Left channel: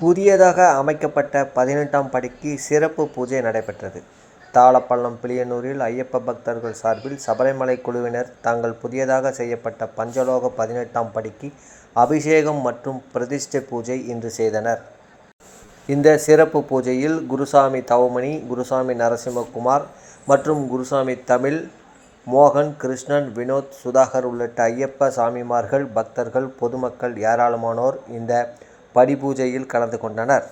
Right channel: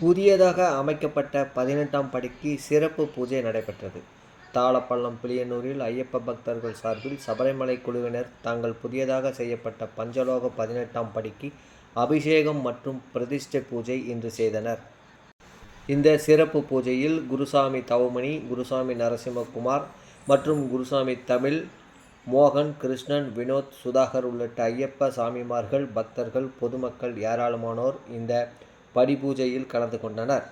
புதியதாக அமைக்கப்பட்ட 18ஆம் படிக்கு சிறப்பு பூஜை நடைபெற்றது. தாளப்பள்ளம் பிளியனூரில் ஐயப்ப பக்தர்கள் சார்பில் சபரிமலை குழுவினர் தாங்கள் புதியதாக செய்யப்பட்ட பஞ்சலோக 18ஆம் படிக்கு அபிஷேகம் மற்றும் பிரதிஷ்டை பூஜை இன்று செய்தனர். இந்த சிறப்பு பூஜையில் குருசாமி தவமணி, குருசாமி நரசிம்மகுமார் மற்றும் குருசாமி தமிழ், மோகன், கிருஷ்ணன், வினோத், சுதாகர் உள்ளிட்ட ஐயப்ப சாமிமார்கள், பக்தர்கள், பொதுமக்கள் ஏராளமானோர் இந்த படிபூஜையில் கலந்து கொண்டனர்.